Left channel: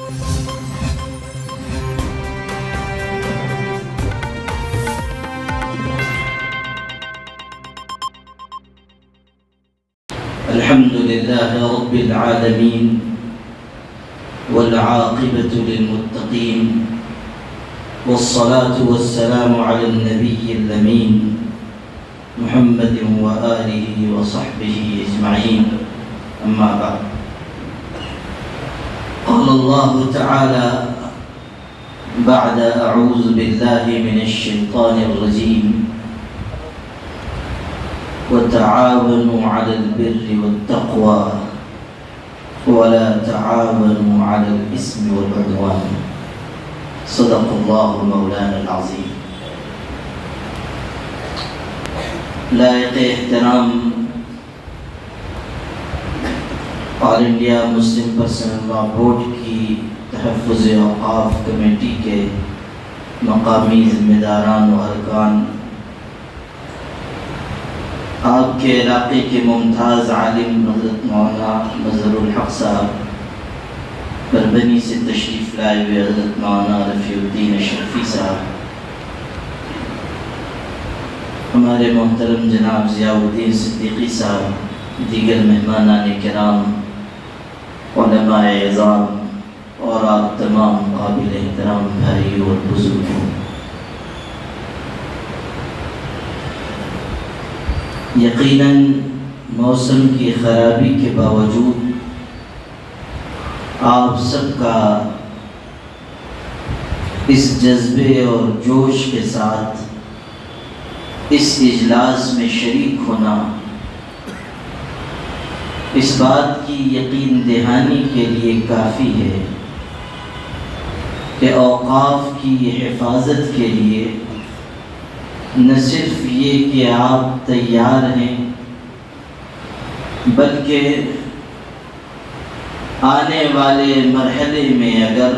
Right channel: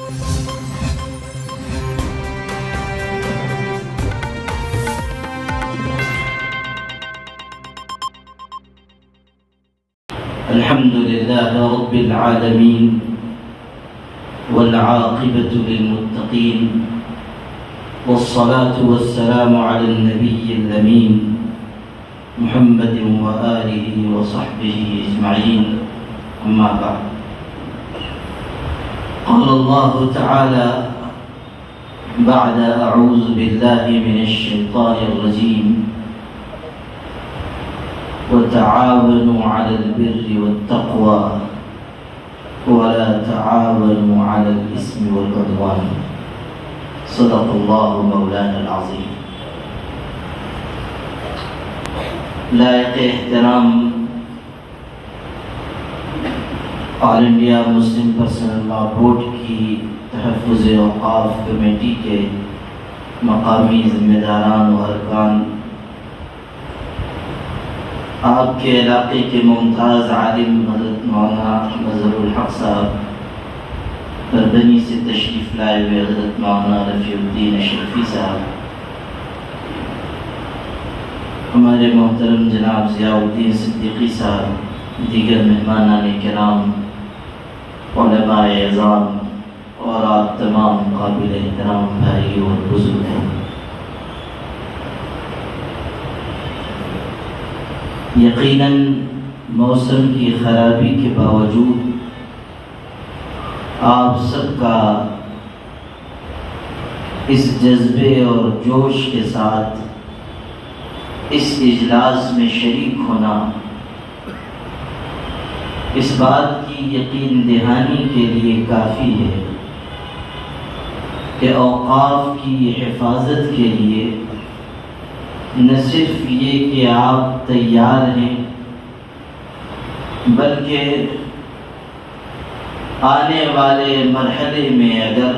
الحمد لله رب العالمين والعاقبة للمتقين والصلاة والسلام على النبي الأمين محمد وآله وصحبه أجمعين أما بعد قال الله تعالى بعد أعوذ بالله من الشيطان الرجيم وتعاونوا على البر والتقوى ولا تعاونوا على الإثم والعدوان صدق الله مولانا العظيم. لائق احترام all India Muslim personal law board کی تحفظ اوقاف کمیٹی کے مقامی ذمہ داران و ارکان، آپ کے علاقے کے ممتاز عالم حضرت مولانا مظہر الحق صاحب، بربنی سے تشریف لائے ہوئے حضرت مولانا رفیع الدین اشرفی صاحب، ہمارے محترم جناب ضیاء الدین صدیقی صاحب، دیگر مہمانان کرام، علماء اعظام اور آپ تمام قابل احترام بھائیوں اور بزرگوں، یقیناً موسم کی خرابی کے باوجود آپ سب کا اس جذبے اور جوش کے ساتھ اس اجلاس میں شریک ہونا اس بات کی یقین دہانی کے لیے کافی ہے کہ اوقاف کی حفاظت کے لیے نہ صرف یہ کہ آپ تیار ہیں، بلکہ آنے والے مرحلے میں اگر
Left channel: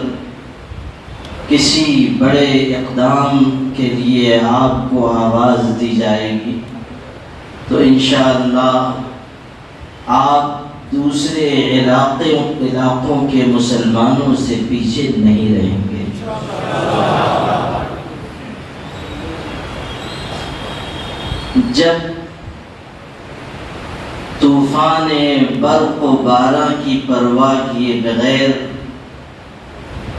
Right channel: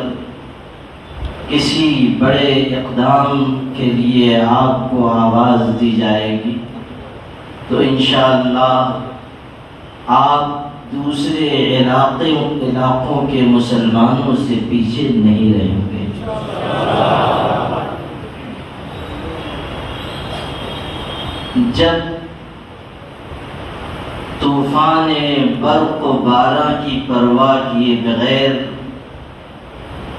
کسی بڑے اقدام کے لیے آپ کو آواز دی جائے گی تو انشاءاللہ آپ دوسرے علاقوں کے مسلمانوں سے پیچھے نہیں رہیں گے۔ جب طوفان برق و باران کی پرواہ کیے بغیر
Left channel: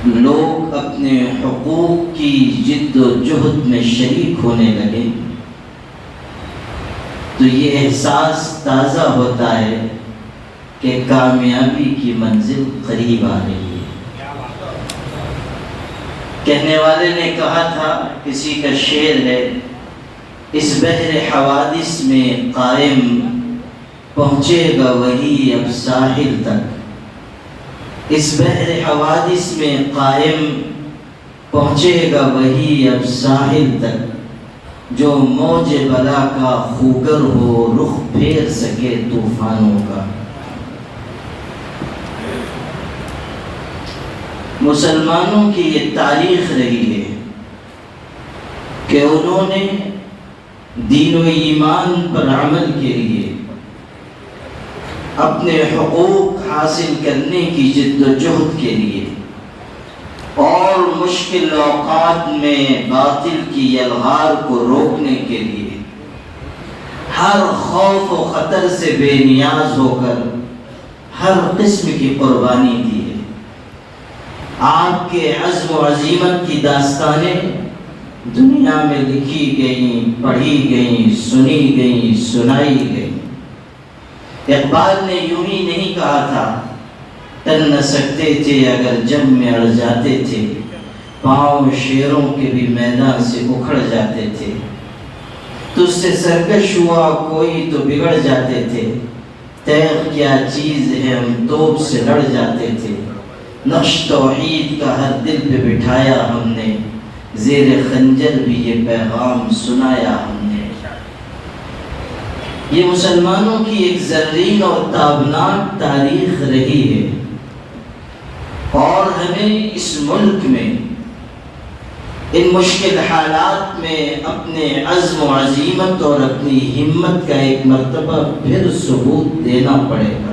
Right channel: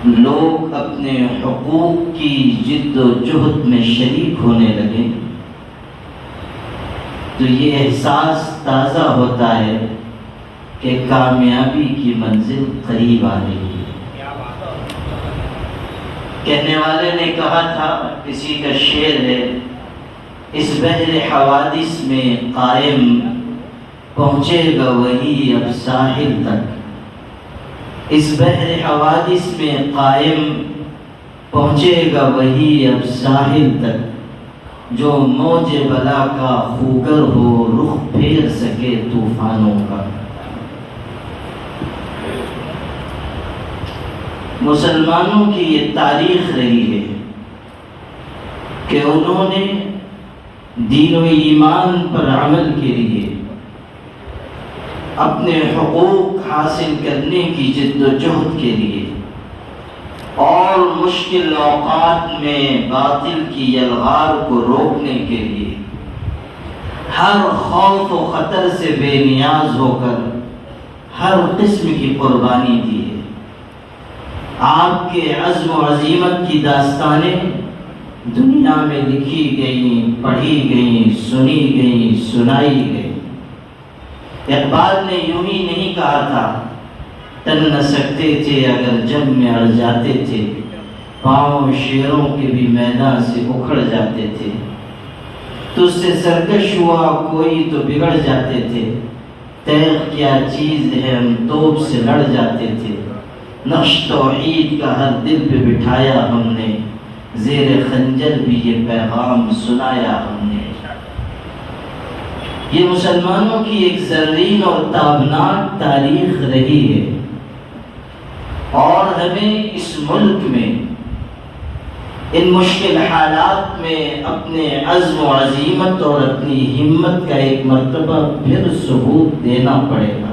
لوگ اپنے حقوق کی جد و جہد میں شریک ہونے لگے تو یہ احساس تازہ ہوتا ہے کہ کامیابی کی منزل قریب آ رہی ہے۔ کہنے والے نے کہا تھا، کسی کا شعر ہے، اس بحر حوادث میں قائم پہنچے گا وہی اب ساحل تک، اس بحر حوادث میں قائم پہنچے گا وہی اب ساحل تک، جو موج بلا کا خوگر ہو رخ پھیر سکے طوفانوں کا۔ مسلمانوں کی یہ تاریخ رہی ہے کہ انہوں نے دین و ایمان پر عمل کے لیے اپنے حقوق حاصل کرنے کی جد و جہد کے لیے اور مشکل اوقات میں باطل کی یلغار کو روکنے کے لیے ہر خوف و خطر سے بے نیاز ہو کر ہر قسم کی قربانی دی ہے۔ آپ کے عزم و عزیمت کی داستانیں دنیا میں لکھی گئیں، پڑھی گئیں، سنی گئیں، سنائی گئیں۔ اقبال نے یوں ہی نہیں کہا تھا، ٹل نہ سکتے تھے اگر جب میں اڑ جاتے تھے، پاؤں شیروں کے بھی میدان سے اکھڑ جاتے تھے، تجھ سے سرکش ہوا کوئی تو بگڑ جاتے تھے، تیغ کیا چیز ہے ہم توپ سے لڑ جاتے تھے، نقش توحید کا ہر دل پہ بٹھایا ہم نے، زیر خنجر بھی یہ پیغام سنایا ہم نے۔ یہ مسلمانوں کی ایک زرین اور تابناک تاریخ رہی ہے، اور ہمیں اس ملک میں ان مشکل حالات میں اپنے عزم و عزیمت اور اپنی ہمت کا ایک مرتبہ پھر ثبوت دینا پڑے گا۔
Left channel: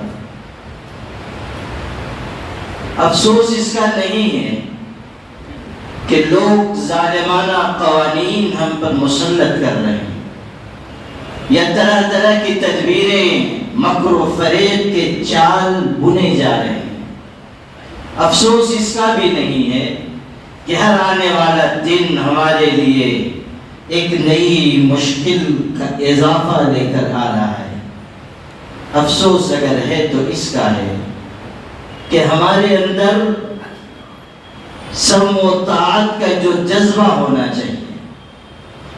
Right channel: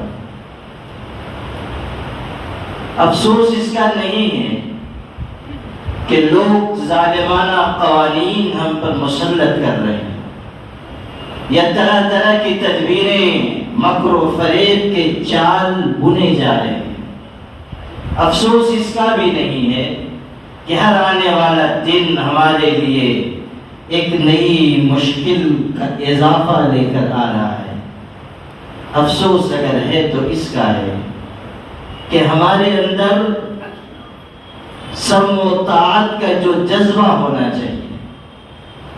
افسوس اس کا نہیں ہے کہ لوگ ظالمانہ قوانین ہم پر مسلط کر رہے ہیں یا طرح طرح کی تدبیریں مکر و فریب کے چال بنے جا رہے ہیں۔ افسوس اس کا بھی نہیں ہے کہ ہر آنے والا دن ہمارے لیے ایک نئی مشکل کا اضافہ لے کر آ رہا ہے۔ افسوس اگر ہے تو اس کا ہے کہ ہمارے اندر سمع و طاعت کا جو جذبہ ہونا چاہیے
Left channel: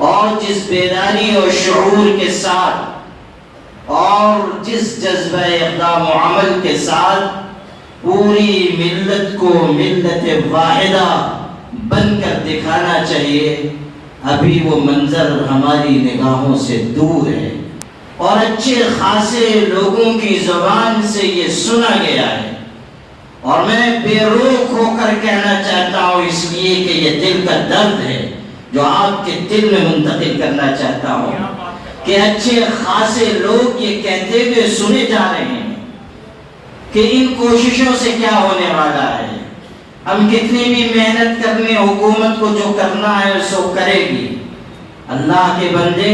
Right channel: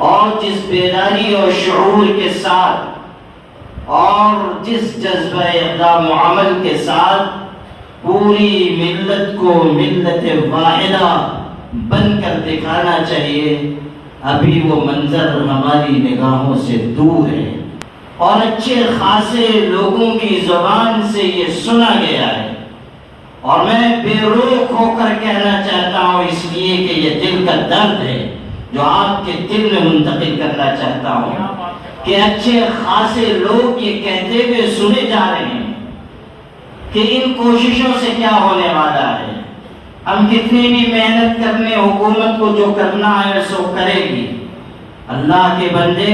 اور جس بیداری اور شعور کے ساتھ اور جس جذبہ اقدام و عمل کے ساتھ پوری ملت کو ملت واحدہ بن کر دکھانا چاہیے، ابھی وہ منظر ہماری نگاہوں سے دور ہے اور اچھے خاصے لوگوں کی زبان سے یہ سنا گیا ہے۔ اور میں بے روک ہو کر کہنا چاہتا ہوں، اس لیے کہ یہ دل کا درد ہے جو آپ کے دل میں منتقل کرنا چاہتا ہوں کہ اچھے خاصے لوگ یہ کہتے ہوئے سنے جا رہے ہیں کہ ان کوششوں سے کیا ہونے والا ہے، ہم کتنی بھی محنت کرنے، حکومت کو جو کرنا ہے سو کرے گی۔ اللہ کے بندے،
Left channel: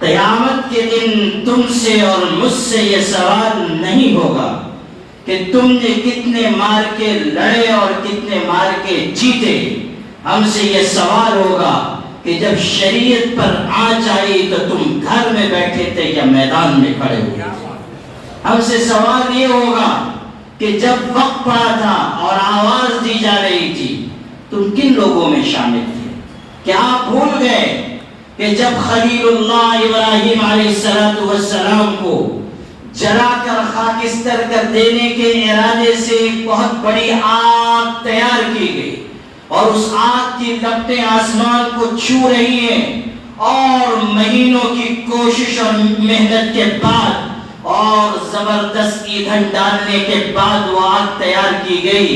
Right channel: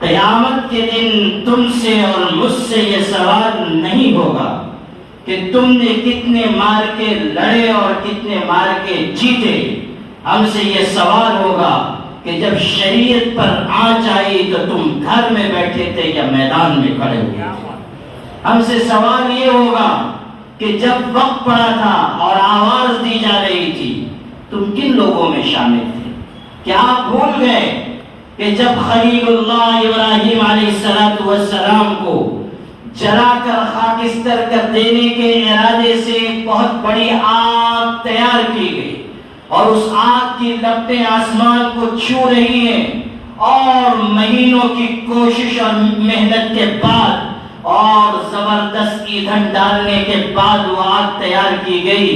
قیامت کے دن تم سے اور مجھ سے یہ سوال نہیں ہوگا کہ تم نے کتنے مار کے لڑے اور کتنے مار کے جیتے، ہم سے یہ سوال ہوگا کہ جب شریعت پر آنچ آئی تو تم گھر میں بیٹھے تھے یا میدان میں کھڑے ہوئے؟ ہم سے سوال یہ ہوگا کہ جب وقت پڑا تھا اور آواز دی جا رہی تھی تم کن لوگوں میں شامل تھے؟ کیا آپ بھول گئے کہ جب خلیل اللہ ابراہیم علیہ السلام کو جلا کر خاکستر کر دینے کے ارادے سے ایک بہت بڑی آگ تیار کی گئی اور اس آگ کی لپٹیں آسمان کو چھو رہی ہیں، اور مہینوں کی کوشش اور محنت کے بعد اور زبردست ایندھن ڈالنے کے بعد وہ آگ تیار کی گئی،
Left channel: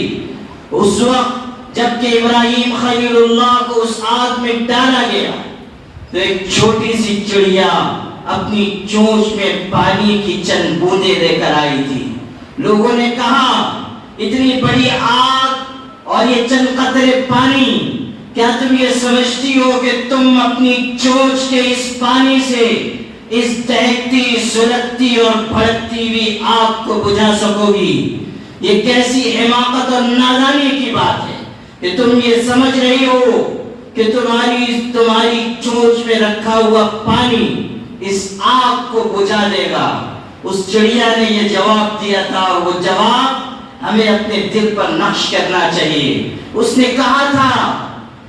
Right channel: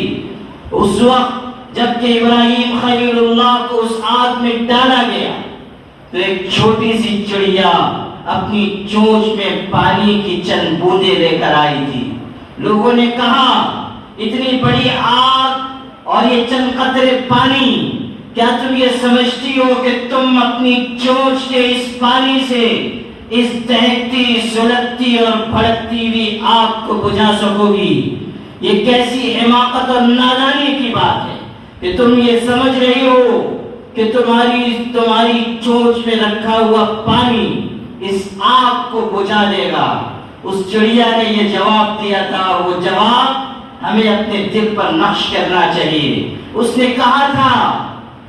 اس وقت جب کہ ابراہیم خلیل اللہ کو اس آگ میں ڈالا گیا تو ایک چھوٹی سی چڑیا اپنی چونچ میں پانی کی چند بوندیں لے کر آئی تھی۔ لوگوں نے کہا اتنی بڑی آگ اور یہ چند قطرے پانی، کیا تم یہ سمجھتی ہو کہ تم اپنی چونچ کے اس پانی سے اس دہکتی، سلگتی اور بھڑکتی ہوئی آگ کو بجھا سکو گی؟ یہ کیسی حماقت اور نادانی کی بات ہے کہ تم یہ سمجھ رہی ہو کہ تمہاری چونچ میں رکھا ہوا پانی اس آگ کو بجھا دے گا۔ اس چڑیا نے یہ جواب دیا تھا، وہ جواب ہمیں اپنے دل پر نقش کرنا چاہیے۔ اس نے کہا تھا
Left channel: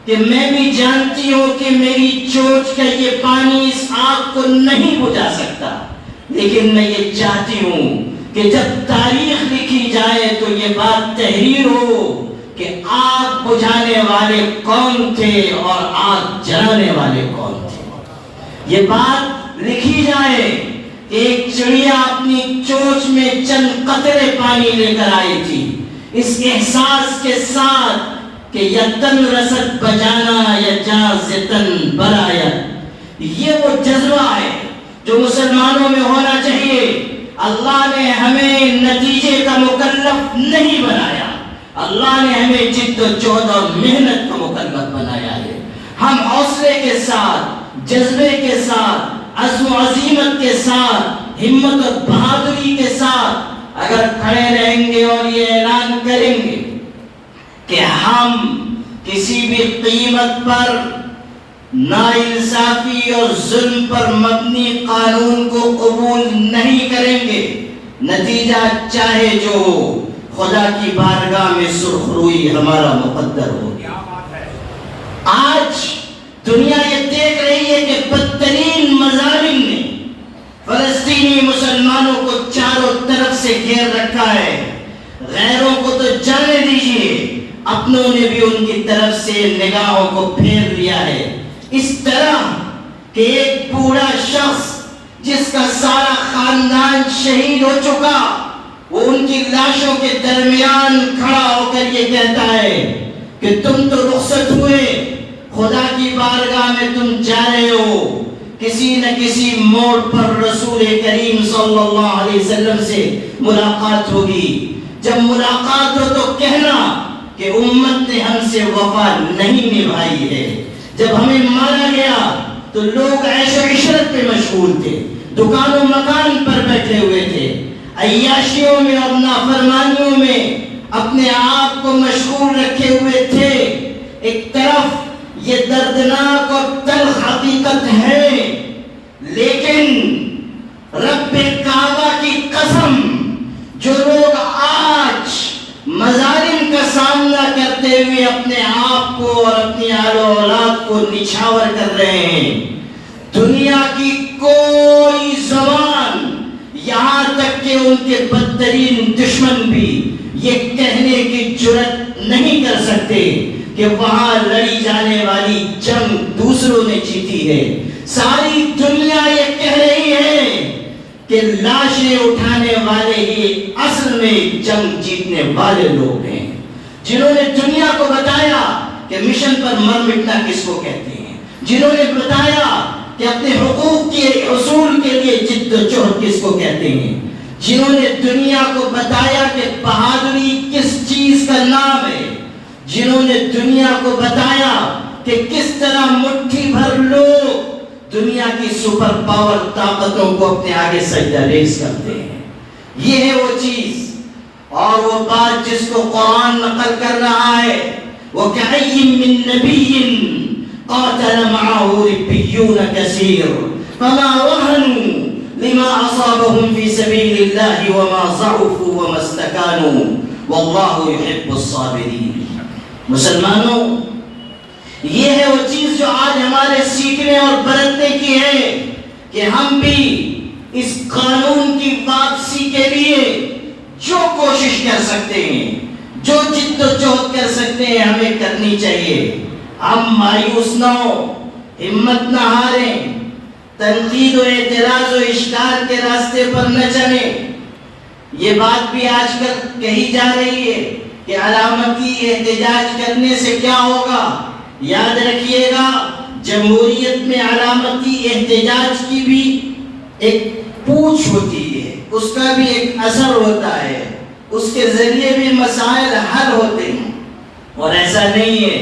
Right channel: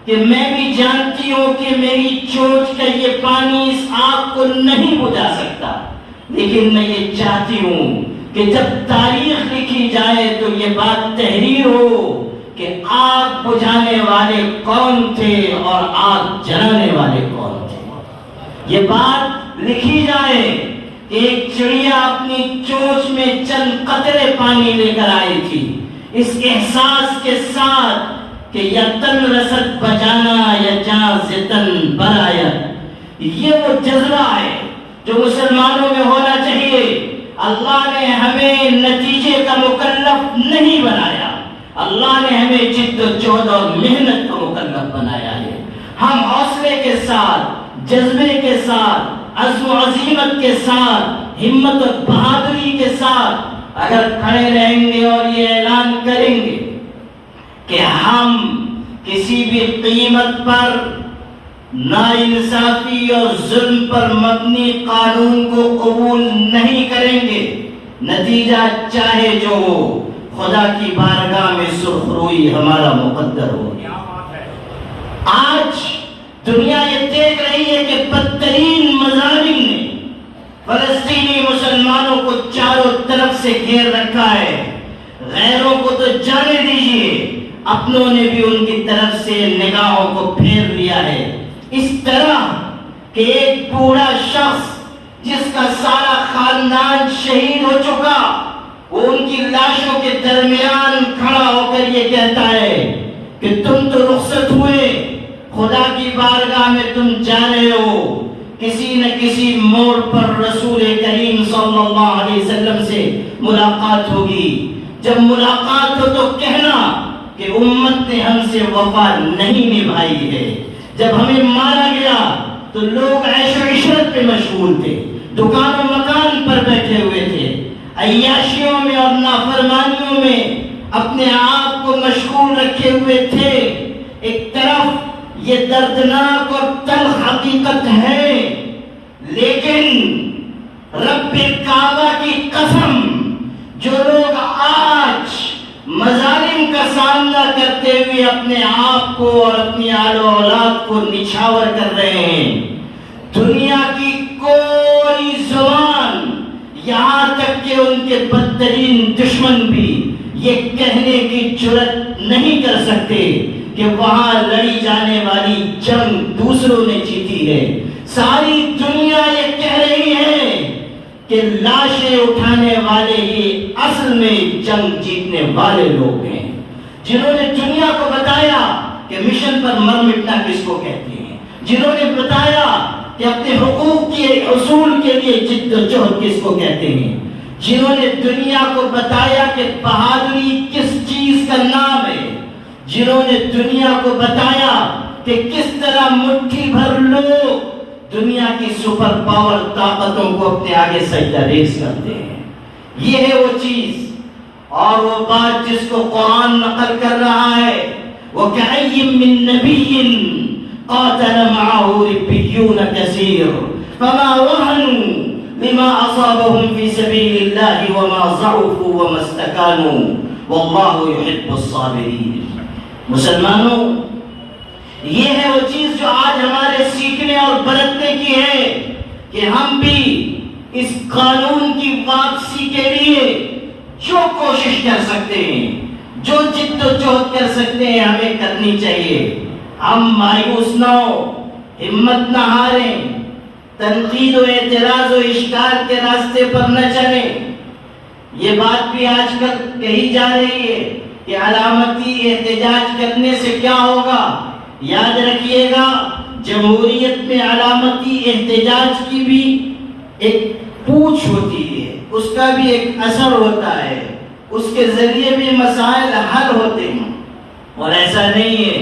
کہ میں بھی جانتی ہوں کہ میری چونچ کا یہ پانی اس آگ کو نہیں بجھا سکتا، لیکن میں یہ چاہتی ہوں کہ جب تاریخ لکھی جائے تو یہ بات تحریر ہو کہ آگ بجھانے والے کون تھے اور آگ جلانے والے کون تھے۔ یہ بات لکھی جائے کہ ایک چڑیا اپنی چونچ میں چند قطرے پانی لے کر آئی تھی، اس احساس کے ساتھ کہ یتن رسد بجانا یا جازتن برایت، یہ وہ جذبہ ہے جو مسلمانوں میں ہونا چاہیے۔ اللہ نے ہمیں نتیجے کا مکلف نہیں بنایا، اللہ نے ہمیں جد و جہد اور محنت کا مکلف بنایا ہے۔ ہم حوصلے کے ساتھ، جذبے کے ساتھ، عزم و عزیمت کے ساتھ، ہمت اور بہادری کے ساتھ اگر کھڑے رہیں گے اور یہ اعلان کریں گے کہ ہم کسی بھی قیمت پر ناانصافی اور ظلم پر مبنی قانون کو قبول نہیں کریں گے، نتیجہ چاہے جو ہو، خدا کی بارگاہ میں سرخروئی ہمارا مقدر ہو۔ آج دنیا یہ دیکھ رہی ہے کہ بدترین مظالم نے فلسطینی مسلمانوں کو چاروں طرف سے گھیر رکھا ہے۔ غیروں کو تو جانے دیجیے، اپنوں نے بھی ان کی طرف سے نگاہوں کو پھیر لیا ہے، اس طرح کہ ایک بوڑھا شخص جس کا سارا خاندان شہید ہو چکا، وہ ان کی لاشوں کے درمیان کھڑا ہو کر یہ کہتا ہے کہ تم تو رخصت ہوئے، خدا کی بارگاہ میں تم جا رہے ہو، کسی نہ کسی موڑ پر رسول کریم صلی اللہ علیہ وسلم سے ملاقات ہوگی۔ جب ملاقات ہو تو کہنا کہ امت نے ہم سے وفا نہیں نبھائی ہے. جب ہمیں مارا گیا تو لوگ عیش و عشرت میں مشغول تھے، دکان و مکان پر بیٹھے ہوئے تھے، عیاشیوں میں اور نافرمانیوں میں اپنے آپ کو مشغول رکھے ہوئے تھے. ایک طرف یہ دردناک اور تلخ حقیقت ہے، لیکن رب کعبہ کی قسم، جو لوگ آج مظالم کا سامنا کرتے ہوئے اپنے آپ کو اور اپنی آل و اولاد کو نچھاور کر رہے ہیں، دنیا کی کوئی زبان، یہاں تک کہ ان کے بدترین دشمن بھی یہ کہنے کی جرات نہیں کر سکتے کہ وہاں لڑی جانے والی جنگ دوسروں نے جیتی ہے. ساری دنیا یہ کہہ رہی ہے کہ لاشیں اٹھانے والے ہی اصل میں جنگ جیتنے والے لوگ ہیں، جنہوں نے دنیا کو بتایا کہ مشن پر مر مٹنا کس کو کہتے ہیں، جنہوں نے بتایا کہ اپنے حقوق کے حصول کے لیے جد و جہد کس کو کہتے ہیں، جنہوں نے دنیا کو بتایا کہ بہادری کس چیز کا نام ہے، جنہوں نے دنیا کو بتایا کہ کس طرح مٹھی بھر لوگ دنیا کی سپر پاور طاقتوں کو اپنے آگے سجدہ ریز کرتے ہیں. یہ ہے وہ چیز اور وہ بات جس کو قرآن نقل کر رہا ہے. وَكَأَيٍّ مِّن نَّبِيٍّ قَاتَلَ مَعَهُ رِبِّيُّونَ كَثِيرٌ فَمَا وَهَنُوا لِمَا أَصَابَهُمْ فِي سَبِيلِ اللَّهِ وَمَا ضَعُفُوا وَمَا اسْتَكَانُوا وَاللَّهُ يُحِبُّ الصَّابِرِينَ. مسلمانوں، یہ ہے وہ چیز جو آج ہمارے سیکھنے اور برتنے کی ہے کہ ہم بھی اس قانون کی واپسی کے لیے جو کوشش کر سکتے ہیں، جو جد و جہد کر سکتے ہیں، ہمیں کرنی چاہیے. ہم مایوس نہ ہو، ہمت نہ ہاریں، تنقید و اعتراض و اشکال کے راستے پر نہ چلیں. یہ بات بھی آج کل کہی جا رہی ہے کہ علامتی احتجاج کرنے سے کیا ہوگا. یاد رکھیے گا، جمہوریت میں علامتی احتجاج کی بھی ایک پوچھ ہوتی ہے، اس کا بھی ایک اثر ہوتا ہے، اس کے ذریعے بھی مسائل حل ہوتے ہیں. اور ایسا نہیں ہے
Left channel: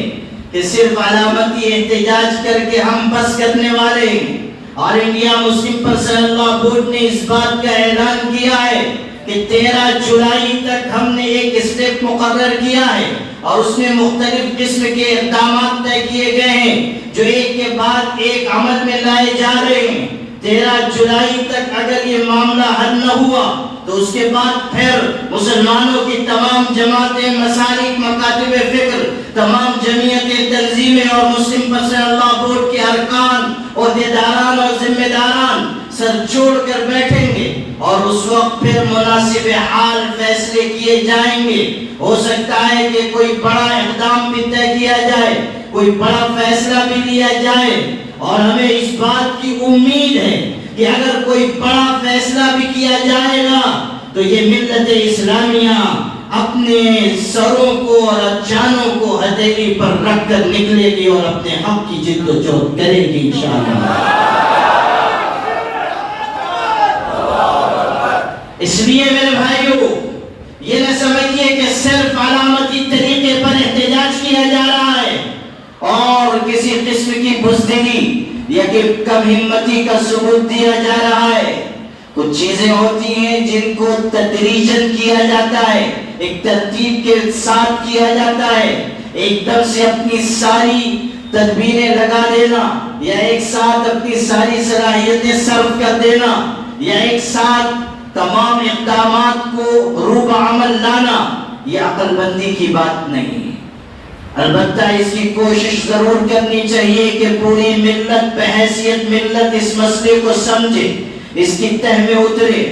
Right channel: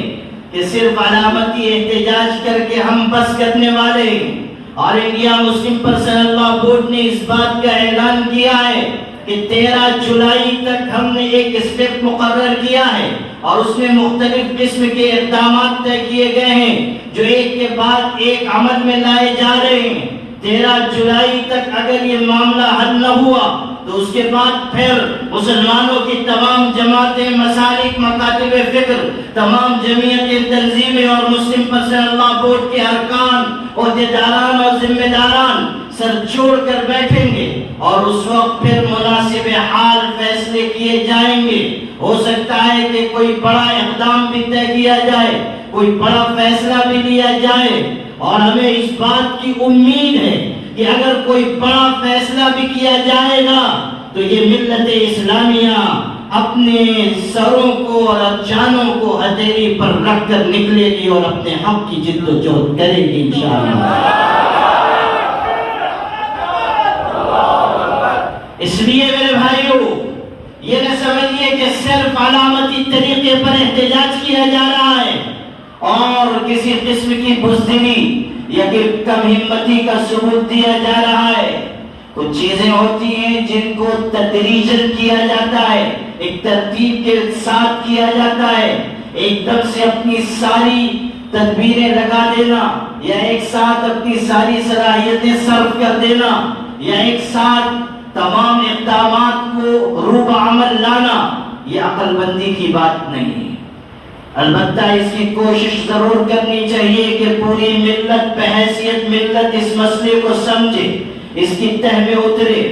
کہ صرف علامتی احتجاج کر کے ہم بس کرنے والے ہیں. اور انڈیا مسلم پرسنل لا بورڈ نے اس بات کا اعلان کیا ہے کہ 13 جولائی تک ہم نے ایک اسٹیپ مقرر کیا ہے اور اس میں مختلف قسم کے اقدامات طے کیے گئے ہیں جو ایک کے بعد ایک عمل میں لائے جا رہے ہیں. 13 جولائی تک اگر یہ معاملہ حل نہ ہوا تو اس کے بعد پھر مسلمانوں کی تمام جماعتیں، مسالک، مکاتب فکر، تمام جمعیتیں، تنظیمیں اور مسلم پرسنل لا بورڈ کے ارکان، عہدیداران اور ذمہ داران سر جوڑ کر بیٹھیں گے اور اس وقت پھر مناسب حال فیصلے کیے جائیں گے. ہو سکتا ہے کہ کوئی بڑا اقدام بھی طے کیا جائے، کوئی بڑا فیصلہ بھی لیا جائے، اور ہمیں اس بات کی امید ہے کہ اگر کوئی بڑا فیصلہ بھی کیا جائے گا تو یہ ملت اسلامیہ اپنے سروں کو اور جانوں کو ہتھیلی پر رکھ کر نکلے گی اور اپنے حق کی جد و جہد کرے گی انشاءاللہ. اس لیے میرے بھائیوں، یہ نہ سمجھیے کہ صرف علامتی طریقے پر احتجاج کیا جا رہا ہے اور کسی قسم کی بزدلی یا کہ کم ہمتی کا ثبوت دیا جا رہا ہے. کچھ چیزیں ہوتی ہیں جن کو تدریجاً کیا جاتا ہے، ایک ترتیب کے ساتھ کیا جاتا ہے. ایک دم سے اپنی ساری تدبیریں لگا دینا یا ایک ساتھ اپنی ساری صلاحیتیں صرف کر دینا یا ایک ساتھ تمام اقدامات کو روح عمل لانا، یہ عقل بندی کی بات نہیں. البتہ اس کی کوشش ضرور کرنی چاہیے کہ پوری ملت بحیثیت ملت اس مسئلے کو سمجھے، اس کی تہ میں اترے.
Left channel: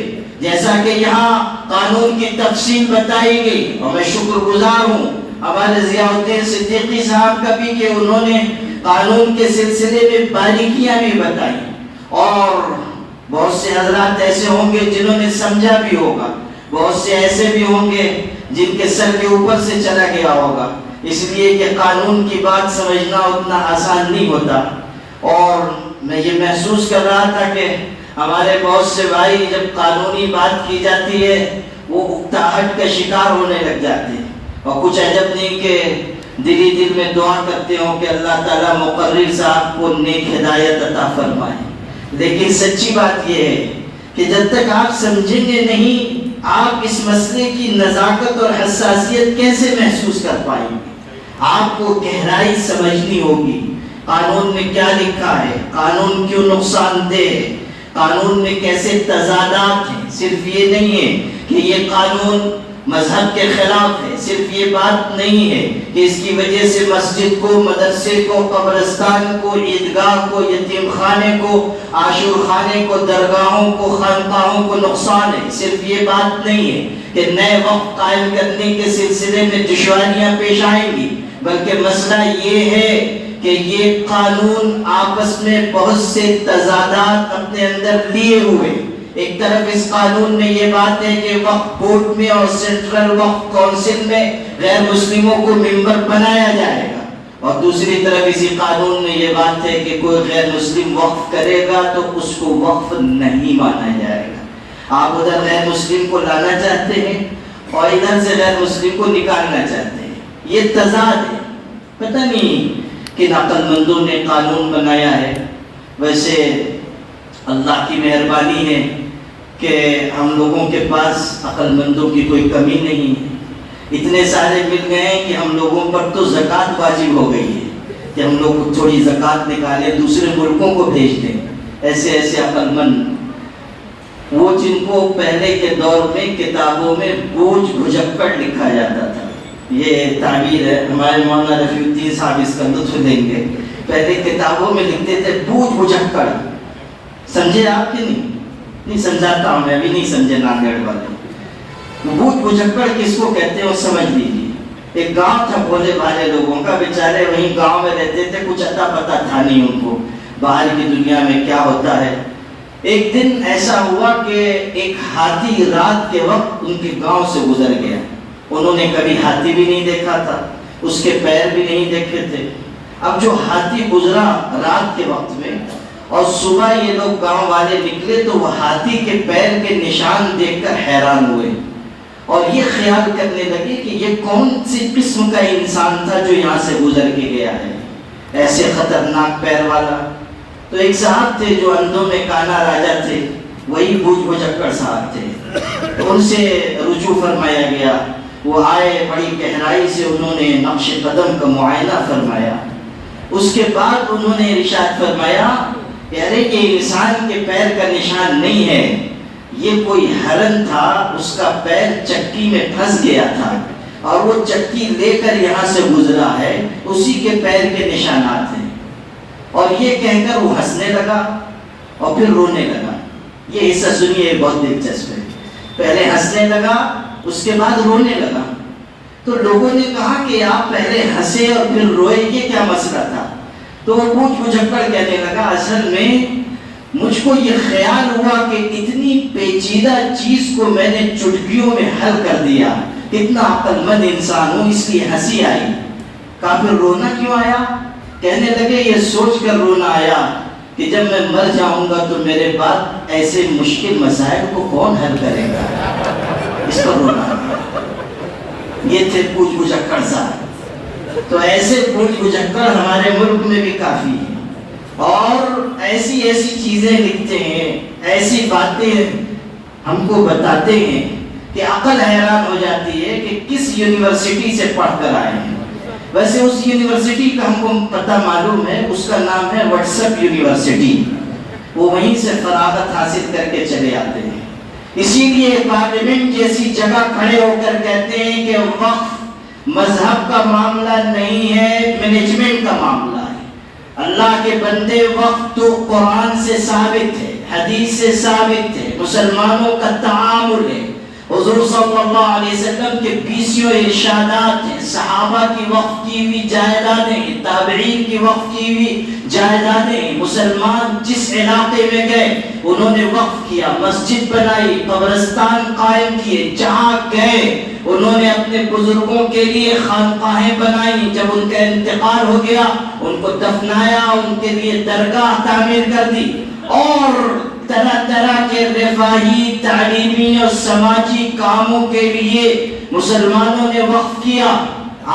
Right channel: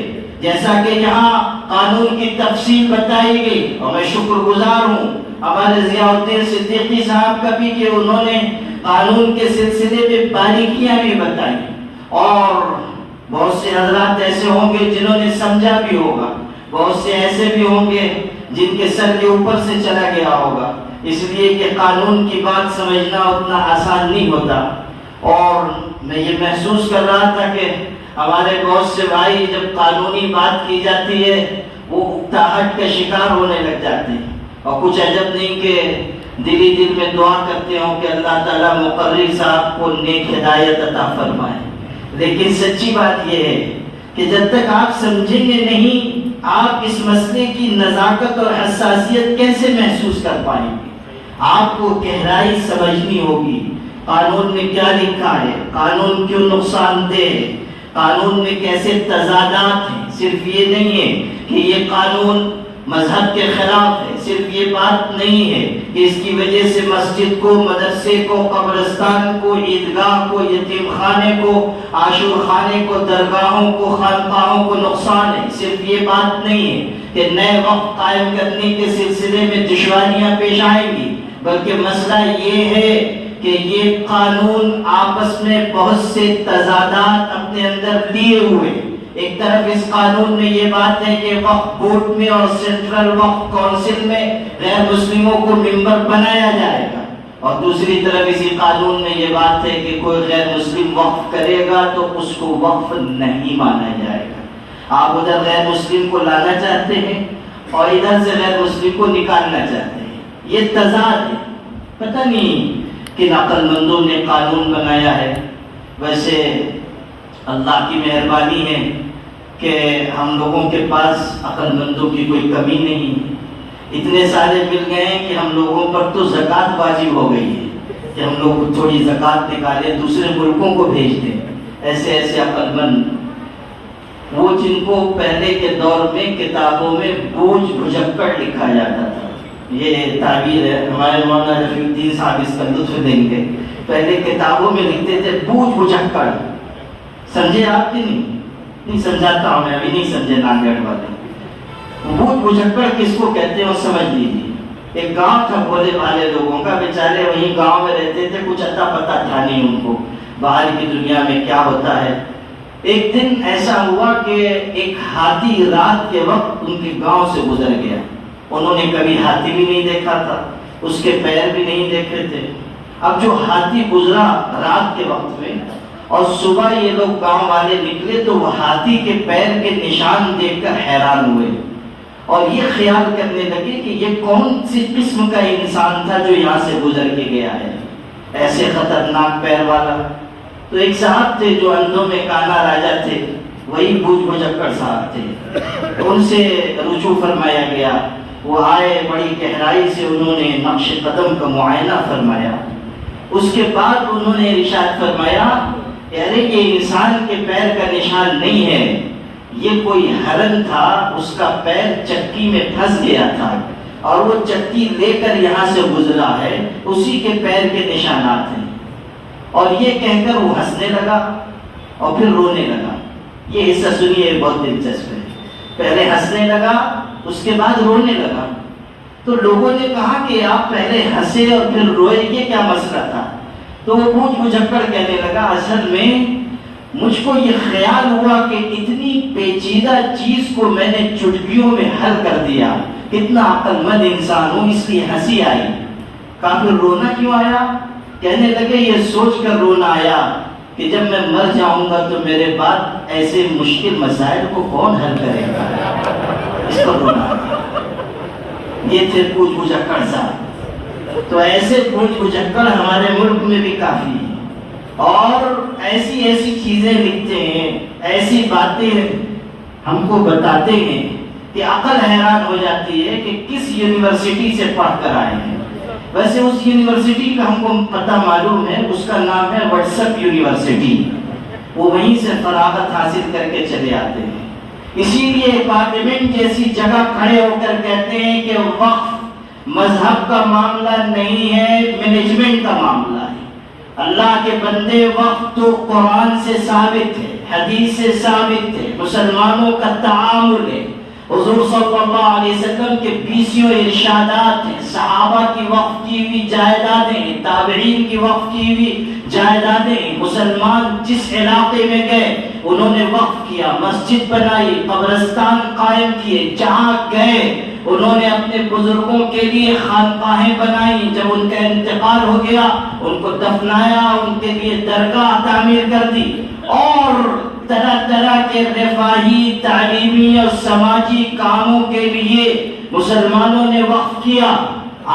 جیسا کہ یہاں قانون کی تفصیل بتائی گئی اور میں شکر گزار ہوں ہمارے ضیاء الدین صدیقی صاحب کا بھی کہ انہوں نے قانون کے سلسلے میں باریکیاں بھی بتائی. اور بہت سے حضرات ایسے ہوں گے جنہوں نے سمجھا بھی ہوگا، بہت سے ایسے بھی ہوں گے جن کے سر کے اوپر سے چلا گیا ہوگا، اس لیے کہ قانون کی بات سمجھنا اتنا آسان نہیں ہوتا. اور میں یہ محسوس کر رہا تھا کہ ہمارے بہت سے بھائی جب قانونی بات کی جاتی ہے وہ اکتاہٹ کا شکار ہونے لگ جاتے ہیں، اور کچھ عجب نہیں کہ دل میں دعا کرتے ہوں کہ اللہ تعالیٰ مقرر صاحب کو نیک ہدایت عطا فرمائے۔ لیکن سچی بات یہ ہے کہ جب تک آپ سمجھیں گے نہیں، آپ اس مسئلے کی نزاکت اور حساسیت کیسے محسوس کر پائیں گے؟ آپ کو گہرائی سمجھنی ہوگی، قانون میں کیا لکھا ہے، قانون کیوں نقصان دہ ہے، قانون میں کیسے تضادات ہیں۔ صرف یہ نہیں ہے کہ یہ قانون مذہب کے خلاف ہے، صرف یہ بات نہیں ہے کہ اس کی وجہ سے مسجد کو، مدرسے کو، قبرستان کو، عیدگاہ کو، یتیم خانے کو، عاشور خانے کو، درگاہوں کو، خانقاہوں کو نقصان ہے۔ صرف یہ بات نہیں ہے کہ نئے وقت قائم کرنے کے سلسلے میں دشواریاں پیش آئیں گی، بلکہ مسئلہ یہ ہے کہ یہ قانون آپس میں بہت سے تضادات اپنے اندر لیے ہوئے۔ ایک طرف اس قانون میں یہ بات ہے کہ وقف بورڈ میں اور سینٹرل وقف کونسل میں غیر مسلموں کو ممبر بنایا جائے گا، اور دوسری طرف اسی قانون میں یہ بات ہے کہ کوئی غیر مسلم وقف کرے گا تو اس کو وقف نہیں مانا جائے گا۔ آپ ادھر غیر مسلم کو لانا چاہتے ہیں اور ادھر سے غیر مسلم کو نکالنا چاہتے ہیں، یہ تضاد ہے۔ پتہ نہیں کن عقل مندوں نے قانون بنایا ہے۔ ویسے اللہ کی مہربانی ہے کہ ہم لوگوں کے پاس عقل مندوں کی کوئی کمی نہیں ہے، اتنے سارے مل گئے ہیں کہ ہم لوگوں پر تو زکوٰۃ واجب ہو گئی ہے کہ ہم لوگ تھوڑی زکوٰۃ نکالیں، دوسرے ملکوں کو بھیج دیں۔ ایسے عقل مند، وہ جن کو پہلے کے دور میں کتابوں میں بوجھ بھجکڑ لکھا جاتا تھا، یہ تعبیر ہے، ہمارے مولانا رفیع الدین صاحب اس کا لطف دیں گے۔ پہلے کتابوں میں لکھتے تھے بوجھ بھجکڑ، سمجھے آپ کہ نہیں سمجھاتا ہوں میں، ابھی نہیں سمجھے ناگڑ والے۔ بوجھ بھجکڑ کس کو کہتے ہیں وہ سمجھ لیجیے۔ ایک گاؤں تھا بھولے بھالے لوگوں کا، بیچارے وہیں گاؤں میں رہتے تھے، کچھ اتا پتا تھا نہیں ان کو باہر کی دنیا میں کیا ہوتا ہے۔ ایک دن ایسا ہوا کہ ایک ہاتھی رات کے وقت ان کے گاؤں سے گزر گیا۔ انہوں نے کبھی ہاتھی بھی نہیں دیکھا تھا، اس کے پیر بھی نہیں دیکھے تھے۔ اب جو ہاتھی گزرا رات کے وقت میں، اور صبح یہ لوگ گاؤں والے نکلے تو وہ ہاتھی کے پیر کے نشان دیکھ کر حیران ہوئے، اور یہ خیال کرنے لگے کہ یہ کون سی قسم کا انسان تھا جو یہاں سے گزر کے گیا ہے، ایسے خطرناک پیر والا۔ تو ایک صاحب تھے جو اندھوں میں کانا راجا تھے، وہی بوجھ بھجکڑ صاحب تھے، ان سے رجوع فرمایا گیا۔ وہ آئے، بڑی گہرائی سے انہوں نے نقش قدم کا معائنہ فرمایا، اس کے بعد انہوں نے ارشاد فرمایا یعنی کہ انسان کے پیر کا نشان نہیں ہے، یہ کوئی ہرن تھا، اس کا پیر چکی میں پھنس گیا تھا اور وہ چکی لے کر یہاں سے گزرا ہے، اسی کے پیر کے نشانات ہیں۔ اور یہ کہہ کر وہ ہنسنے لگا اور پھر رونے لگا۔ یہ حصہ سنیے، بہت دلچسپ ہے۔ پہلے ہنسنے لگا، اس کے بعد رونے لگا۔ تو لوگوں نے کہا کہ آپ پہلے ہنسے اور پھر روئے، یہ کیا مسئلہ تھا؟ تو وہ بوجھ بھجکڑ کہنے لگا، اصل میں مجھ کو یہ خیال ہوا کہ اتنی پیچیدہ چیز کو میں نے چٹکیوں میں حل کر دیا، کتنا عقل مند انسان ہوں، اس لیے ہنسی آئی۔ کہا پھر رونا کیوں آیا؟ کہنے لگے یہ سوچ کر رونا آیا کہ جب میں مر جاؤں گا تو میرے بعد ایسے مشکل مسائل کو کون حل کرے گا، اس پر رونا آیا۔ یہ تھے بوجھ بھجکڑ صاحب۔ تو ایسے بوجھ بھجکڑ ہمارے ملک میں بھی کافی ہیں، اور ایسی چیزیں لکھتے ہیں، ایسی باتیں ہم کو بتاتے ہیں کہ عقل حیران ہو جاتی ہے کہ کس یونیورسٹی سے پڑھ کر آئے ہیں۔ ویسے اس یونیورسٹی کا ہم کو پتہ معلوم ہے، اس کا نام ہے واٹس ایپ یونیورسٹی، وہ وہیں سے فراغت حاصل کر کے چلے آتے ہیں۔ اسی لیے پارلیمنٹ جیسی جگہ کھڑے ہو کر کہتے ہیں کہ وقف مذہب کا معاملہ نہیں ہے، مینجمنٹ کا معاملہ ہے۔ اللہ کے بندے، وقت تو قرآن سے ثابت ہے، حدیث سے ثابت ہے، مسلمانوں کا تعامل ہے، حضور صلی اللہ علیہ وسلم کے 20 ارشادات ہیں، صحابہ کی وقف کی ہوئی جائیدادیں ہیں، تابعین کی وقف کی ہوئی جائیدادیں ہیں۔ مسلمان جس علاقے میں گئے انہوں نے وقف کیا، مسجد بنائی، قبرستان قائم کیے، جہاں گئے انہوں نے اپنے بزرگوں کے لیے خانقاہیں بنائی، جب ان کا انتقال ہو گیا ان کو دفنایا، ان کے لیے درگاہ تعمیر کر دی، اور طرح طرح کے رفاہی، تعلیمی اور سماجی کاموں کے لیے مسلمانوں نے وقف کیا۔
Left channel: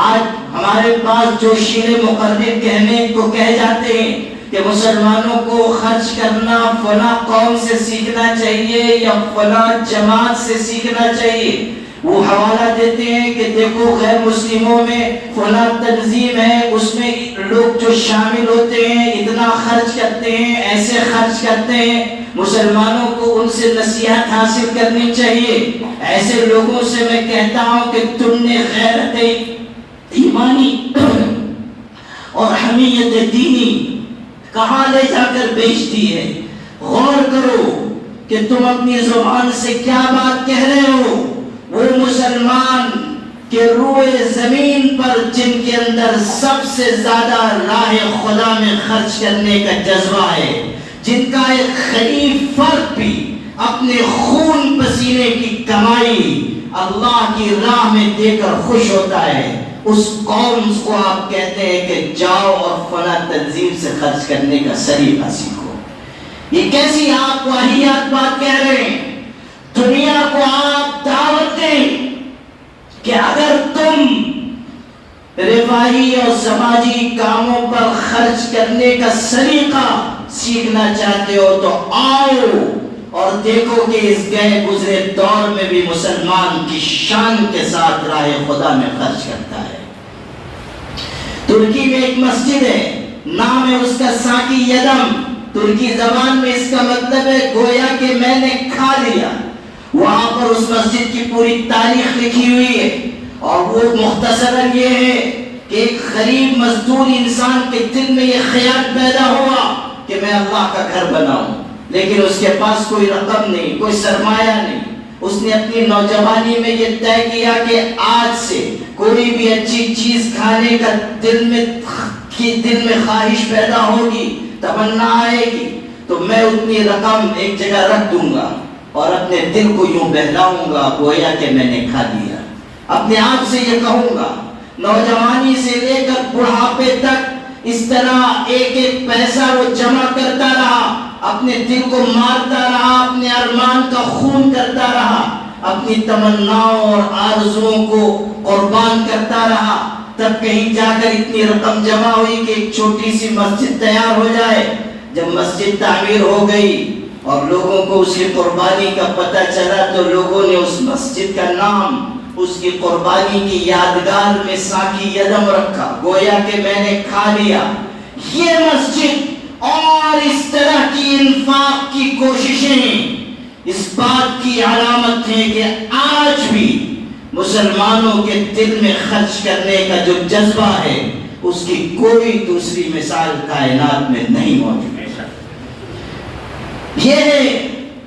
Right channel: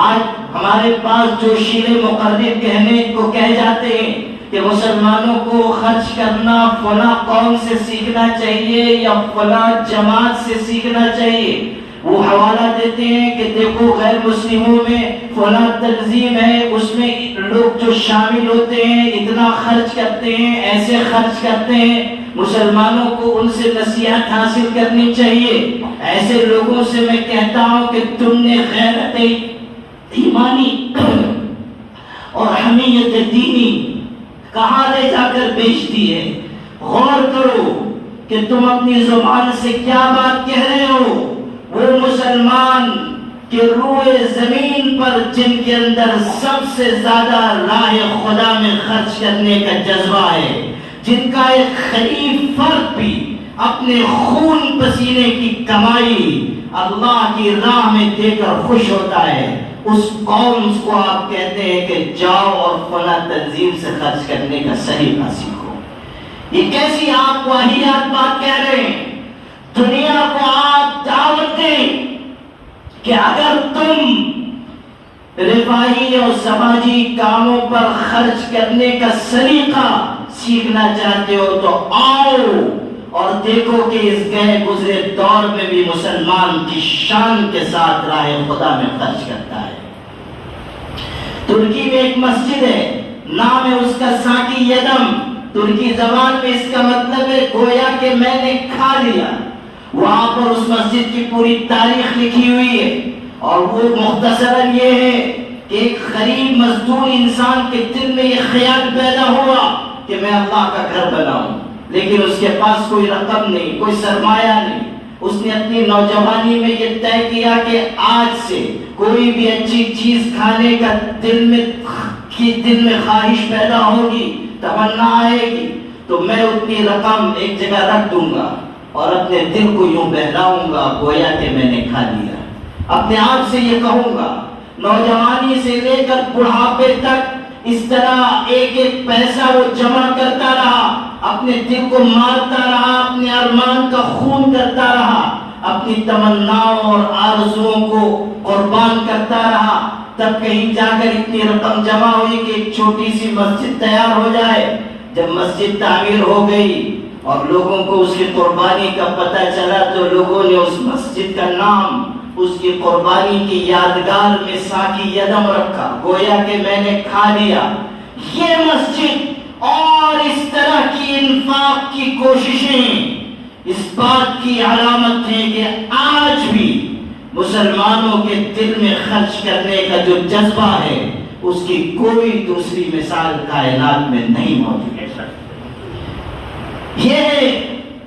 آج ہمارے پاس جو شیعہ مقرر کہنے کو کہہ جاتے ہیں کہ مسلمانوں کو خرچ کرنا فلاں قوم سے سیکھنا چاہیے یا فلاں جماعت سے سیکھنا چاہیے، وہ حوالہ دیتے ہیں کہ دیکھو غیر مسلموں میں فلاں تنظیم ہے، اس میں لوگ جو شامل ہوتے ہیں اتنا خرچ کرتے ہیں، ایسے خرچ کرتے ہیں۔ مسلمانوں کو ان سے نصیحت حاصل کرنی چاہیے۔ ایسے لوگوں سے میں کہتا ہوں کہ تم نے غیرت ایمانی اور حمیت دینی کہاں لے جا کر بیچ دی ہے؟ غور کرو کہ تم اپنی زبان سے کیا بات کہہ رہے ہو۔ وہ مسلمان کہ روئے زمین پر جن کے اندر سب سے زیادہ راہ خدا میں خرچ کرنے کا جذبہ ہے، جن کا ایک خلیف فرد بھی اپنے خون پسینے کی کمائی اللہ کی راہ میں دے کر خوش ہوتا ہے، اس قوم کو آپ کہتے ہیں کہ جاؤ اور فلاں تنظیم سے خرچ کرنے کا سلیقہ سیکھو۔ یہ کیسی آپ واہیات بات کہہ رہے ہیں؟ دنیا کو آپ دعوت دیں کہ اگر تم رفاہی اور سماجی کاموں پر خرچ کرنے کا سلیقہ سیکھنا چاہتے ہو تو آؤ اور دیکھو کہ اس گئے گزرے دور میں بھی مسلمان کی شان کے ساتھ راہ خدا میں خرچ کرتا ہے۔ ترکی میں ایک مسجد ہے، نام ہے اس کا ساکی یدم، ترکی زبان میں اس کا مطلب ہے گویا کہ میں نے کھا لیا۔ وہاں پر اس مسجد کی پوری تاریخ لکھی ہوئی ہے، اور وہ مختصراً یہ ہے کہ ایک غریب مزدور انسان کے دل میں یہ خیال پیدا ہوا کہ میں اللہ کا گھر بناؤں، لیکن اس کے پاس کوئی رقم نہیں، کوئی سرمایہ نہیں۔ اس نے اپنی نوجوانی میں یہ طے کیا کہ آج سے کوئی بھی اچھی چیز کھانے کا دل میں خواہش پیدا ہوگی، تمنا آئے گی تو میں اتنی رقم ایک جگہ رکھ دوں گا اور اپنے دل کو یوں بہلاؤں گا گویا کہ میں نے کھا لیا۔ اپنے آپ سے یہ کہوں گا، نوجوانی سے لے کر بڑھاپے تک اس طرح ایک ایک پیسہ وہ جمع کرتا رہا، اپنے دل کو مارتا رہا، اپنے ارمان کا خون کرتا رہا، اپنی تمناؤں اور آرزوؤں کو قربان کرتا رہا، تب کہیں جا کر اتنی رقم جمع ہوئی کہ ایک چھوٹی سی مسجد تیار ہو جائے۔ جب مسجد تعمیر ہو گئی اور لوگوں کو اس کی قربانی کا پتہ چلا تو لوگوں نے اس مسجد کا نام اس کی قربانی کی یادگار میں ساکی یدم رکھا، گویا کہ میں نے کھا لیا۔ یہ مسجد اور اس طرح کی انفاق کی کوششیں اس بات کی علامت ہے کہ آج بھی مسلمانوں کے دل میں خرچ کرنے کا جو جذبہ ہے اس کی کوئی دوسری مثال کائنات میں نہیں موجود۔ یہ ہے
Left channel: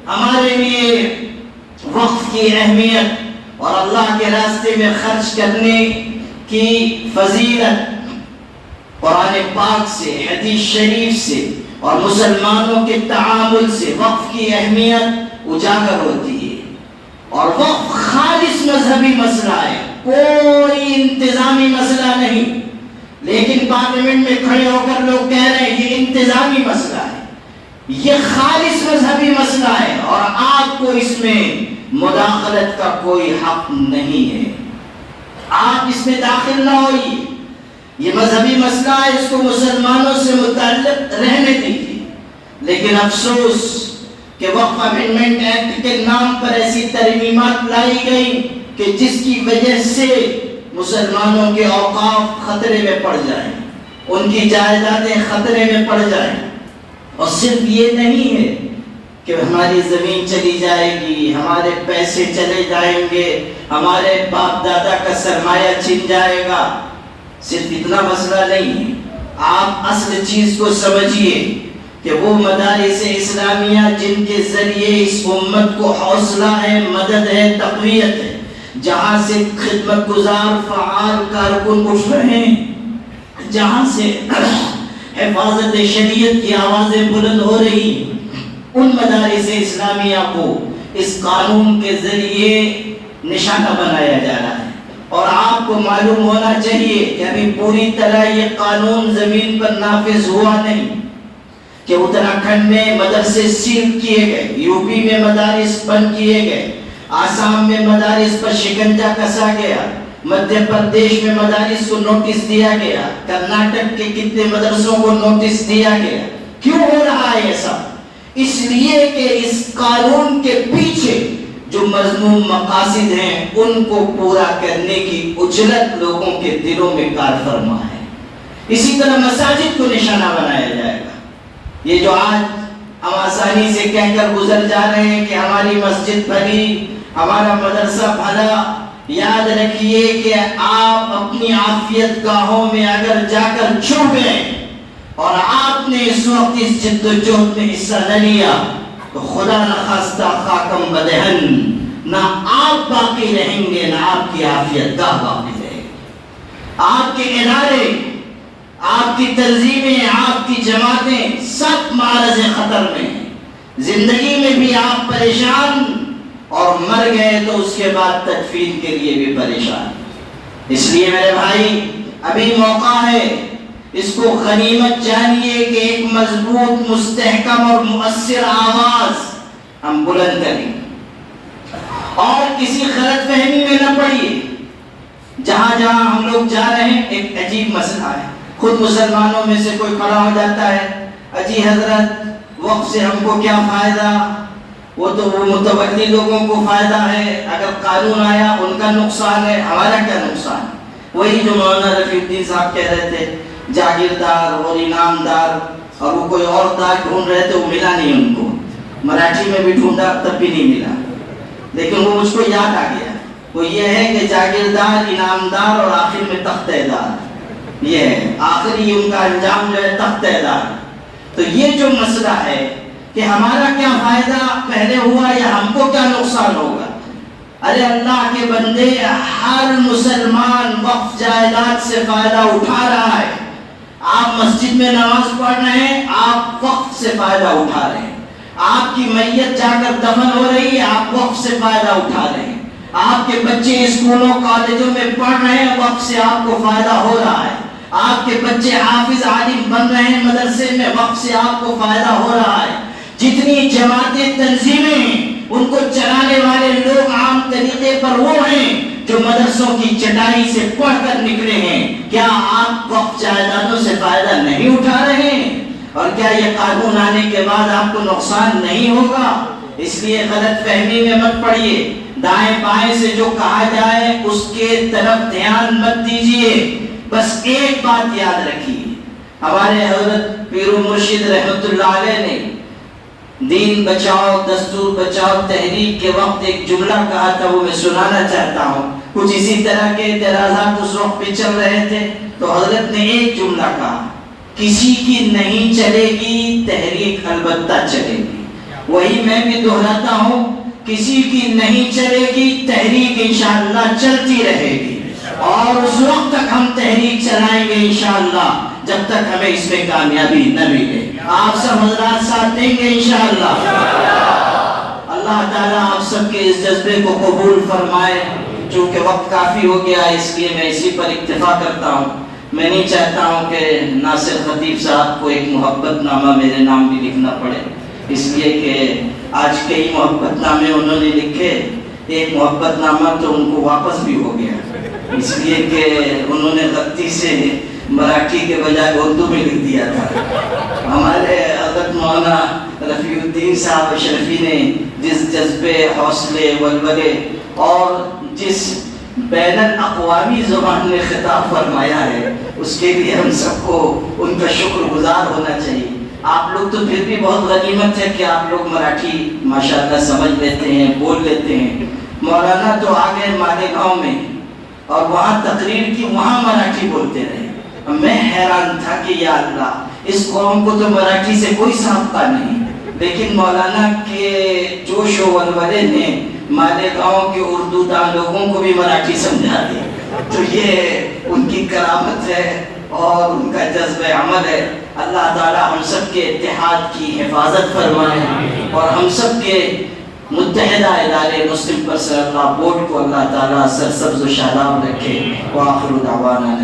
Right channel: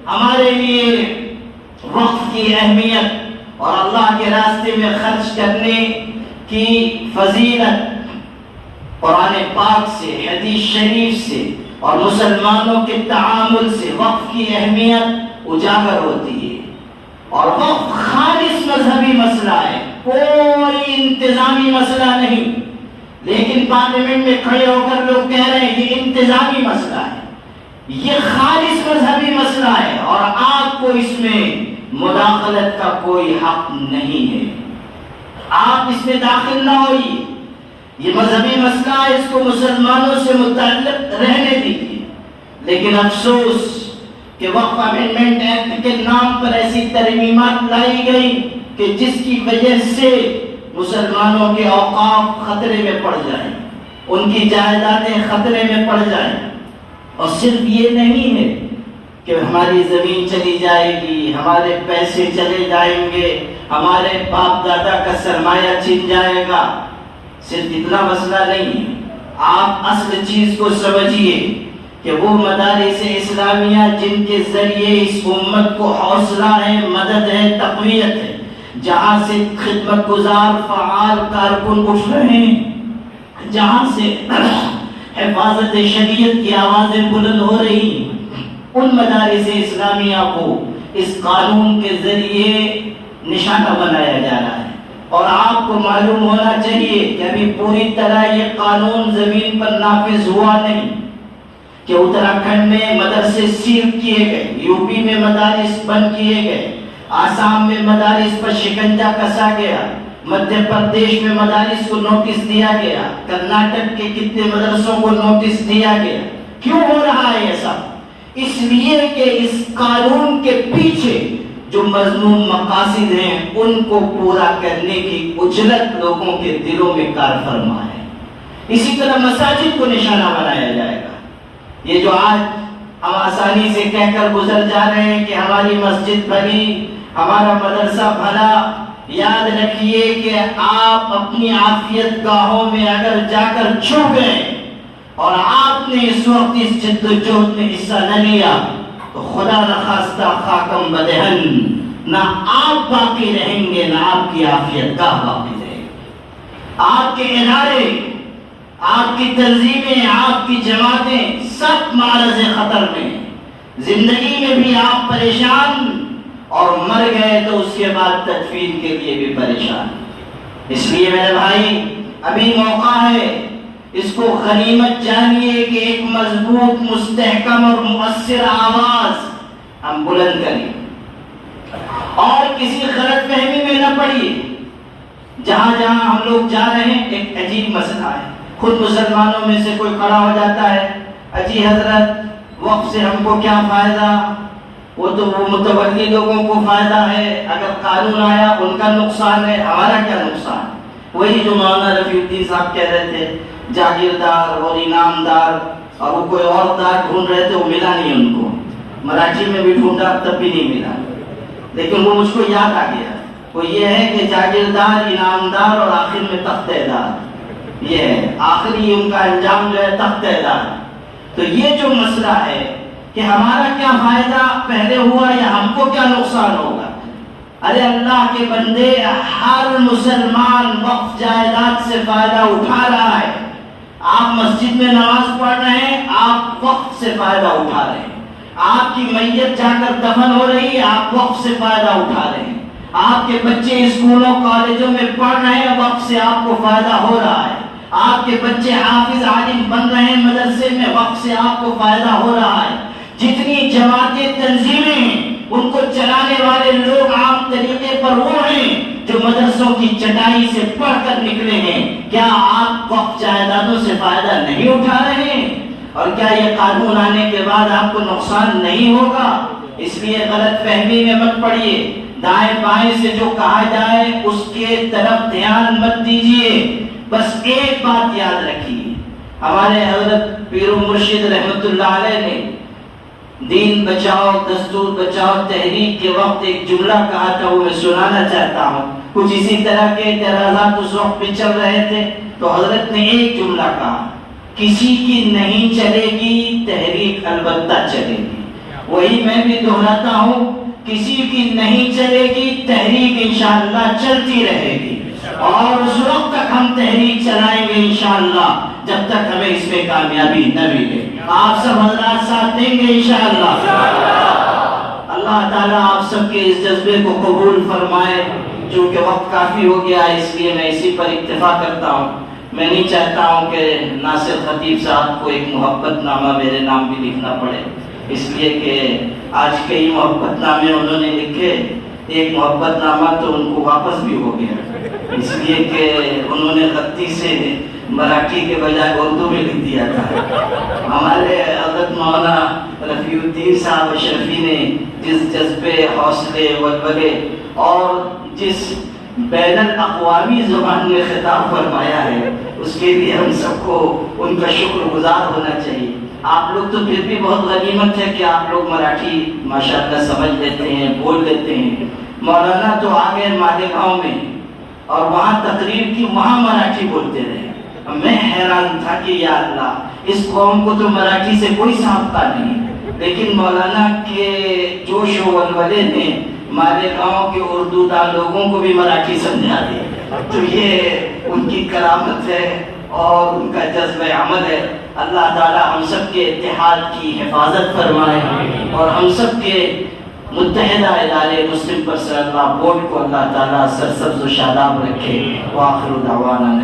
ہمارے لیے وقف کی اہمیت اور اللہ کے راستے میں خرچ کرنے کی فضیلت قرآن پاک سے، حدیث شریف سے اور مسلمانوں کے تعامل سے وقف کی اہمیت اجاگر ہوتی ہے۔ اور وقف خالص مذہبی مسئلہ ہے، کوئی انتظامی مسئلہ نہیں، لیکن پارلیمنٹ میں کھڑے ہو کر لوگ کہہ رہے ہیں یہ انتظامی مسئلہ ہے، یہ خالص مذہبی مسئلہ ہے اور آپ کو اس میں مداخلت کا کوئی حق نہیں ہے، آپ اس میں داخل نہ ہوئیے، یہ مذہبی مسئلہ ہے، اس کو مسلمانوں سے متعلق رہنے دیجیے۔ لیکن افسوس کہ وقف امینڈمنٹ ایکٹ کے نام پر ایسی ترمیمات لائی گئی کہ جس کی وجہ سے مسلمانوں کے اوقاف خطرے میں پڑ جائیں، ان کی جائیدادیں خطرے میں پڑ جائیں۔ اور صرف یہ نہیں ہے کہ ہماری زمین چلی جائے گی، ہمارے پیسے چلے جائیں گے، ہمارے باپ دادا کا سرمایہ چھن جائے گا، صرف اتنا مسئلہ نہیں ہے۔ آپ اصل چیز کو سمجھیے کہ وہ مدارس اسلامیہ جن کے ذریعے اس امت کو حوصلہ ہے، مدد ہے، تقویت ہے، جہاں سے خدمت گزار فعال کارکن اٹھ رہے ہیں، جہاں سے حفاظت شریعت کی آوازیں بلند ہو رہی ہیں، ان مدارس اسلامیہ کو اس قانون کے ذریعے نشانہ بنایا جا رہا ہے۔ اور آپ کو معلوم ہونا چاہیے کہ ابھی پوری طرح یہ قانون زمین پر نافذ ہوا نہیں، کہ اتراکھنڈ میں مدرسے سیل کیے گئے، یو پی میں مدارس بند کیے گئے، آسام میں مدارس پر شکنجا کسا گیا، مدھیہ پردیش میں مدارس کو نوٹس دیا گیا، کرناٹک کے کتنے مدرسوں کو نوٹس دیا گیا۔ کیوں ہو رہا ہے یہ سب؟ اس لیے کہ اس قانون کے پیچھے جو مذموم مقاصد ہیں ان کو پورا کرنے کی اجلت لوگوں کے دلوں میں کار فرما ہے۔ اسی طرح مساجد کو نشانہ بنایا جائے گا۔ یہ جو آج ہم آسانی سے کہہ کر گزر جا رہے ہیں کہ ہماری مسجد بھلی، ہمارا مدرسہ بھلا، یاد رکھیے کہ آپ اپنی عافیت گاہوں میں اگر جا کر چھپ گئے اور آپ نے اس وقت اس جد و جہد میں حصہ نہ لیا تو خدا نخواستہ خاکم بدہن، نہ آپ باقی رہیں گے نہ آپ کی عافیت گاہ باقی رہے گی۔ آپ کے ادارے، آپ کی تنظیمیں، آپ کی جماعتیں سب معرض خطر میں ہیں۔ زندگی میں بھی آپ پریشان اور مر گئے تو اس کے بعد تدفین کے لیے بھی پریشان۔ اس لیے میرے بھائی ابھی موقع ہے، اس کو غنیمت جانیے کہ ایک مضبوط، مستحکم اور مؤثر آواز ہم بلند کریں اور کسی غلط فہمی میں نہ پڑیے۔ جہاں جہاں ہم لوگ جا رہے ہیں ایک عجیب مسئلہ ہے، خود مسلمانوں میں سے کوئی کھڑا ہو جاتا ہے، اجی حضرت وقف سے ہم کو کیا فائدہ؟ وہ تو وہ متولی لوگوں کو فائدہ ہے، اگر قانون آیا ان کا نقصان ہے، ہمارا کیا نقصان؟ وہی جو مولانا رفیع الدین صاحب کہہ رہے تھے، جاگیردار اور انعامدار، اور وہ کوئی اور دار ڈھونڈ رہے تھے، وہ ملا نہیں ان کو، مراٹھی میں بھی ڈھونڈا تب بھی نہیں ملا، لیکن وہ مجھ کو یاد آ گیا، وہ یہ ہے کہ جاگیردار، انعامدار اور آخر میں تختہ دار، یہ ہے آخری ان کا انجام جو ہے تختہ دار۔ تو یہ جو مسئلہ ہے کہ ہمارا کیا فائدہ پہلے ہوا یا ہم کو کیا نقصان ہوگا؟ ارے اللہ کے بندے، ہر مسلمان وقف جائیداد سے فائدہ اٹھا رہا ہے۔ آپ مسجد میں نماز پڑھ رہے ہیں، آپ وقف سے فائدہ اٹھا رہے ہیں۔ آپ کی میت جا کر دفن ہو رہی ہے، آپ وقف سے فائدہ اٹھا رہے ہیں۔ آپ کے بچے اسکولوں کالجوں میں پڑھ رہے ہیں، وقف سے آپ کو فائدہ ہو رہا ہے۔ آپ کے بچے حافظ عالم بن رہے ہیں مدرسے میں، وقف سے آپ کو فائدہ ہو رہا ہے۔ جتنی جماعتیں، تنظیمیں ہیں، ان کو چلانے والے لوگ عام طریقے پر وہ ہیں جو مدرسوں کی چٹائی سے پڑھ کر نکلے ہیں۔ کیا آپ وقف جائیدادوں سے فائدہ نہیں اٹھا رہے ہیں؟ اور کیا یہ قانون آنے کے بعد آپ کو نقصان نہیں ہوگا؟ اس لیے غلط فہمی میں مت پڑیے، دائیں بائیں سے جو کہا جائے اس کے طرف دھیان مت دیجیے۔ بس ایک بات یاد رکھیے، ہمارے حضرت پیر و مرشد رحمت اللہ علیہ نے دین بچاؤ دستور بچاؤ تحریک کے وقت ایک جملہ کہا تھا، وہ میں سنانا چاہتا ہوں۔ کچھ اسی طرح کے اعتراضات اس وقت پہ چل رہے تھے تو حضرت نے ایک جملہ کہا، کسی کی نہیں چلے گی تحریک البتہ چلے گی۔ وہی میں بھی دہراتا ہوں، کسی کی نہیں چلے گی تحریک انشاءاللہ چلتی رہے گی، اور اس وقت تک ہم تحریک چلائیں گے انشاءاللہ جب تک ہمیں اس میں کامیابی نہ ملے۔ آپ سب حضرات ساتھ دیں گے انشاءاللہ۔ اللہ تعالیٰ آپ سب کے اس جذبے کو قبول فرمائے۔ چونکہ وقت کافی ہو گیا اس لیے میں اسی پر اکتفا کرتا ہوں۔ میں نہیں چاہتا ہوں کہ ناصر خطیب صاحب کو ایک محبت نامہ میرے نام بھی لکھنا پڑے، اس لیے کہ آج کئی محبت نامے انہوں نے لکھے، ایک محبت نامہ تو ان کو واپس بھی ہو گیا، اس لیے کہ انہوں نے غلطی سے مراٹھی کے بجائے اردو میں لکھ دیا تھا۔ ہمارے حضرت مولانا رفیع الدین صاحب اشرفی نے جس جذبے، حوصلے، ولولے اور جس بین الاقوامی زبان میں خطاب فرمایا ہے، اس کے لیے ہم سب کو ان کا شکر گزار ہونا چاہیے۔ آپ لوگ تو پھر بھی بہت غنیمت ہے کہ آپ لوگ مراٹھی ماشاءاللہ سمجھ لیتے ہیں، بول لیتے ہیں۔ مولانا تو آ گئے مالیگاؤں میں اور وہاں تقریر کی، وہاں مراٹھی بولتے رہے۔ میں حیران تھا کہ یا اللہ، اس قوم کو تو مراٹھی سے کوئی سابقہ نہیں، لیکن مولانا کے جوش و ولولے نے مالیگاؤں کے اردو دان لوگوں کو بھی مراٹھی سمجھا دی۔ تو یہ ان کی کرامت ہے اور ان کا جذبہ عمل ہے۔ اللہ تعالیٰ ہم سب کے اتحاد کی حفاظت فرمائے اور ہم سب کے متحدہ ادارے مسلم پرسنل لا بورڈ کو اللہ تعالیٰ سرسبز و شاداب رکھے۔ وآخر دعوانا